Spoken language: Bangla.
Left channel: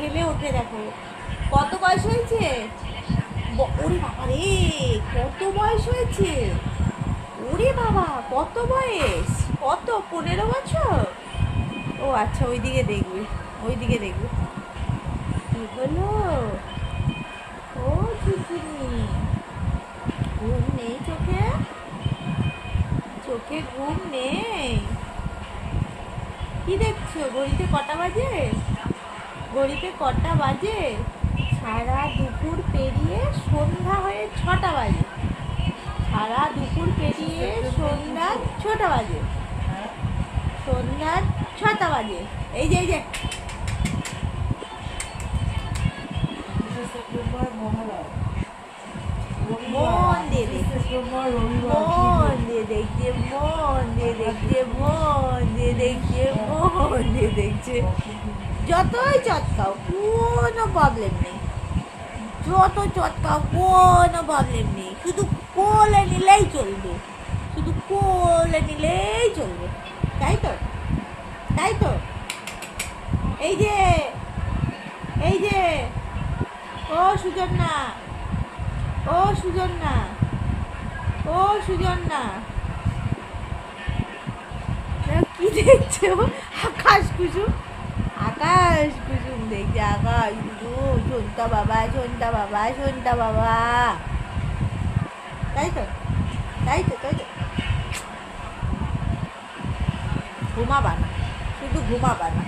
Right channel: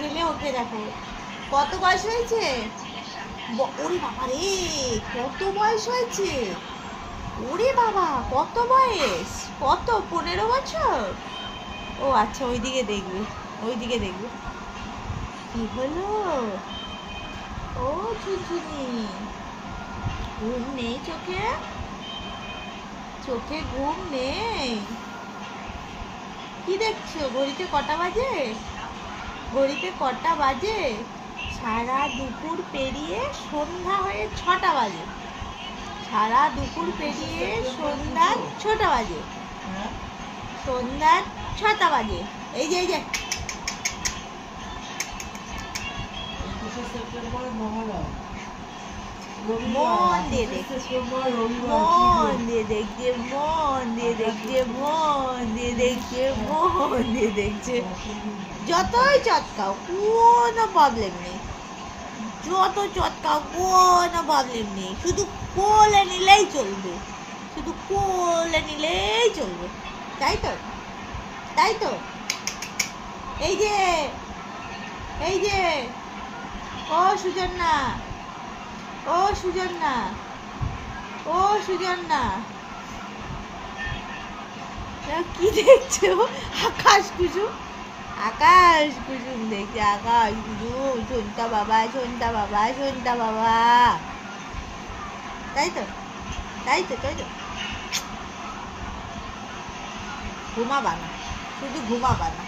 ঠেলে ওঠে দেখো। কত বয়স হয়েছে? ওরে বাবা রে, কত বয়স হয়েছে? ওরে বাবা, কত বয়স? কত, 15 বছর? ও আচ্ছা, ওইদিকে দেখবে, ওইদিকে দেখবে। কি হলো? ও ঝুঝুনি, ঘুম নেই চোখে? চোখে ঘুম নেই? কি দেখছো? ঘড়িতে কটা বাজে? ঘড়িতে কটা বাজে? সারা দুপুর পেরিয়ে সন্ধ্যা হয়ে 6টা বাজে। সারা দুপুর পেরিয়ে সন্ধ্যা 6টা বাজে। সন্ধ্যা 6টা বাজে। এই যে, এই যে, মন দিয়ে দেখছে, মন দিয়ে দেখছে, মন দিয়ে দেখছে, মন দিয়ে দেখছে, মন দিয়ে দেখছে। যতই চটকাও কোনো প্রবলেম নেই, যত চটকাও কোনো প্রবলেম নেই, শুধু কোলে নিলেই চলবে, শুধু কোলে নিলেই চলবে। তাই তো, তাই তো। এই যে, এই যে, ও সুজন্যা, ও সুজন্যা, ও সুজন্যা, কি দেখছো? আকাশ কুসুম, আকাশ কুসুম দেখছে, আকাশ কুসুম, সন্তা বাবা, সন্তা বাবা, সন্তা বাবা। তাই তো, তাই তো, তাই তো। ঘুমাবা না, শুধু ঘুমাবা না।